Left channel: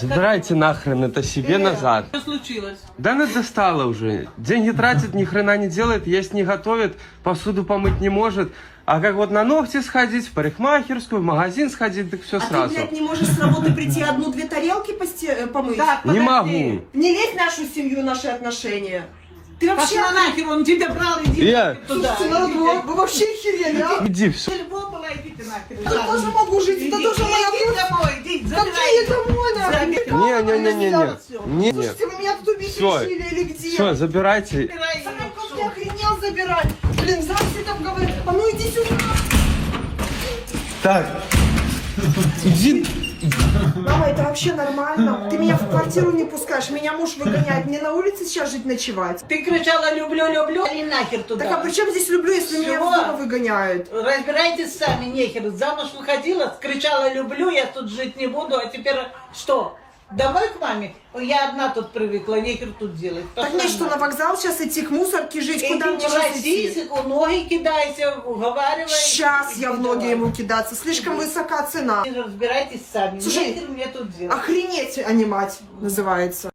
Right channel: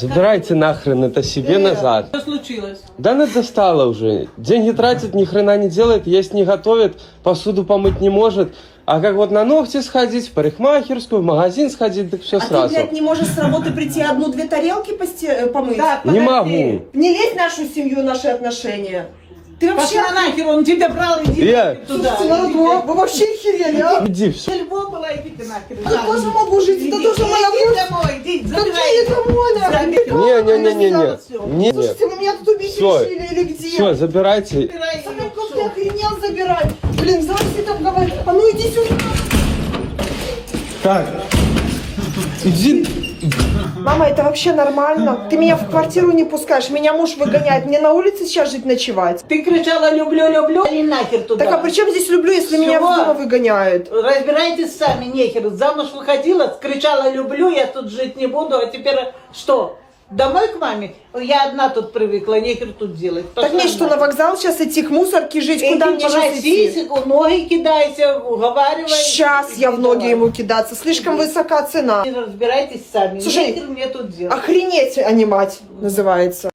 Забирайте нахрен это себе назад. Что случилось? Да она достала уже. Деньги тратит, ни хрена не делает, есть не готовит, посуду помыть не может. А как вот на ногти сходить, в парикмахерскую, в магазин сходить, так все А сразу. ты, блядь, не можешь с работы прийти одну-две тарелки помыть? Так, Не подожди. могу. Не лезь в нашу семью, наши отношения. Ты вообще... Пошла нахер, он тебя брал, иди Я. нахер туда. Вы вообще херели, а? Иди, все. Львом была, иди ты нахер. Я тоже могу жить, это тоже моя Иди кровь. домой, иди, Какие домой, нахуй? Не-не-не-не-не. Слушайте, вы меня тут убить Всё. решили или где? Все, забирайте. Сам как ты охренел забирать? Блин, здрасте там говорит. А ну иди сюда. Так. Иди. Мама, это вообще нормально? Ты меня в квартиру не пускаешь, меня муж выгоняет. Мне на улице сейчас жить ночевать. Ты кричала «люблю, люблю» и нахер туда. Так а при чем здесь люблю, если меня Чего? в дома выгоняют? Разбирайтесь сами, нехер. Замуж выходила, кричала «люблю», я тут жить не буду, а теперь что? Домой к маме? Я одна тут привыкла, нехер тут делать. Так мне что, на вокзал сейчас идти, к мусорке жить? Куда мне сейчас идти? Ноги кидайся, уговаривай. Сейчас я в ноги ему кидаться. Слишком высока цена. Разбирайтесь сами. Слушай, нехер мне тут делать. Охренеть, а не мать, называется.